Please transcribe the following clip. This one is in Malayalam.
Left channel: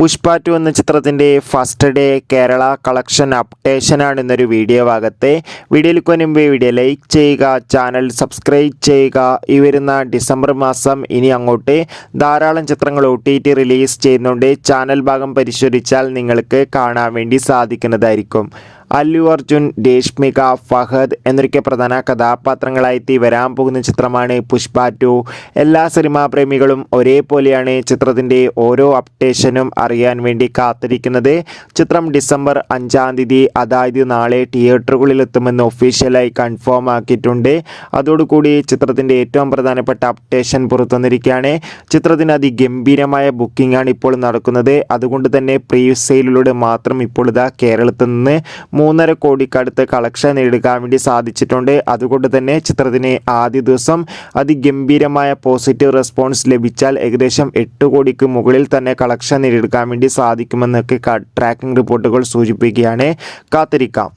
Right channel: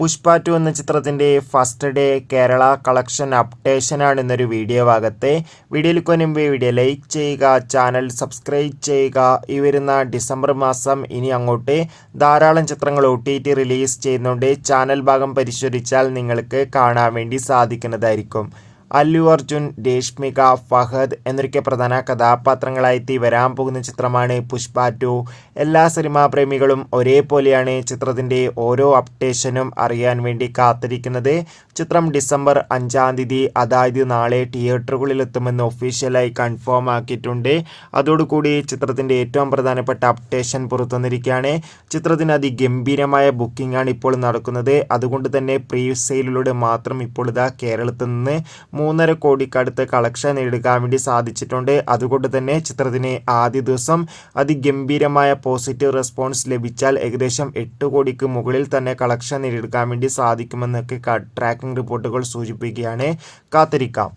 പുഷ്പ 2 എന്ന ചിത്രത്തിൻ്റെ ഫസ്റ്റ് ഡേ കേരള കളക്ഷൻ അപ്ഡേഷനാണ് ഇന്നൊരു വീഡിയോ ഭാഗത്തെ. വീഡിയോയിലേക്ക് മുൻപ് വീഡിയോ ലൈക്ക് ചെയ്യുക, ചാനൽ സബ്സ്ക്രൈബ് ചെയ്യുക. ഈ വരുന്ന ഡിസംബർ മാസം ഇനി അങ്ങോട്ട് ധാരാളം ചിത്രങ്ങൾ OTT റിലീസ് ചെയ്യുന്നുണ്ട്. ചാനൽ ഭാഗം പരിശോധിച്ചാൽ നിങ്ങൾക്ക് കാണാൻ വേണ്ടി സാധിക്കുന്നതായിരിക്കും. അല്ലു അർജുൻ, രേഷ്മിക, ഫഹദ് എന്നൊക്കെ പ്രധാന കഥാപാത്രങ്ങളായി വരാൻ പോകുന്ന ചിത്രമാണ് പുഷ്പ 2. എല്ലാ സിനിമാ പ്രേമികളും ഒരേപോലെയാണ് ചിത്രത്തിൻ്റെ ഓരോ അപ്ഡേഷനും അറിയാൻ വേണ്ടി കാത്തിരിക്കുന്നത്. ചിത്രം ഡിസംബർ 5-ാം തീയതി, അതായത് നാളെ തിയേറ്ററുകളിൽ എത്തുമെന്ന് ഒഫീഷ്യലായി കൺഫേം ആക്കിയിട്ടുണ്ട്. അതോടുകൂടി ചിത്രത്തിൻ്റെ ഏറ്റവും പ്രധാനപ്പെട്ട അപ്ഡേഷൻ പുറത്തുവന്നിരിക്കുകയാണ്. ചിത്രത്തിന് അതിഗംഭീരമായ ബുക്കിംഗ് ആണ് ഇപ്പോൾ നടക്കുന്നത്. അതുകൊണ്ട് തന്നെ പ്രീ സെയിലിലൂടെ മാത്രം ഇപ്പോൾ ഇതാ കേരളത്തിൽ നിന്ന് 3.5 കോടിക്കടുത്ത് കളക്ഷൻ നേടുക്കാൻ വേണ്ടി സാധിച്ചിട്ടുണ്ട്. അതുകൊണ്ട് തന്നെ ചിത്രത്തിന് ആദ്യ ദിവസം അതിഗംഭീരമായ പോസിറ്റീവ് റെസ്പോൺസ് ലഭിച്ചാൽ ഏകദേശം 8 കോടിക്ക് മുകളിൽ തന്നെ കളക്ഷൻ നേടിയെടുക്കാൻ വേണ്ടി സാധിക്കുമെന്നൊക്കെ ട്രാക്കിംഗ് റിപ്പോർട്ടുകൾ സൂചിപ്പിക്കുകയാണ്. കാത്തിരിക്കാം.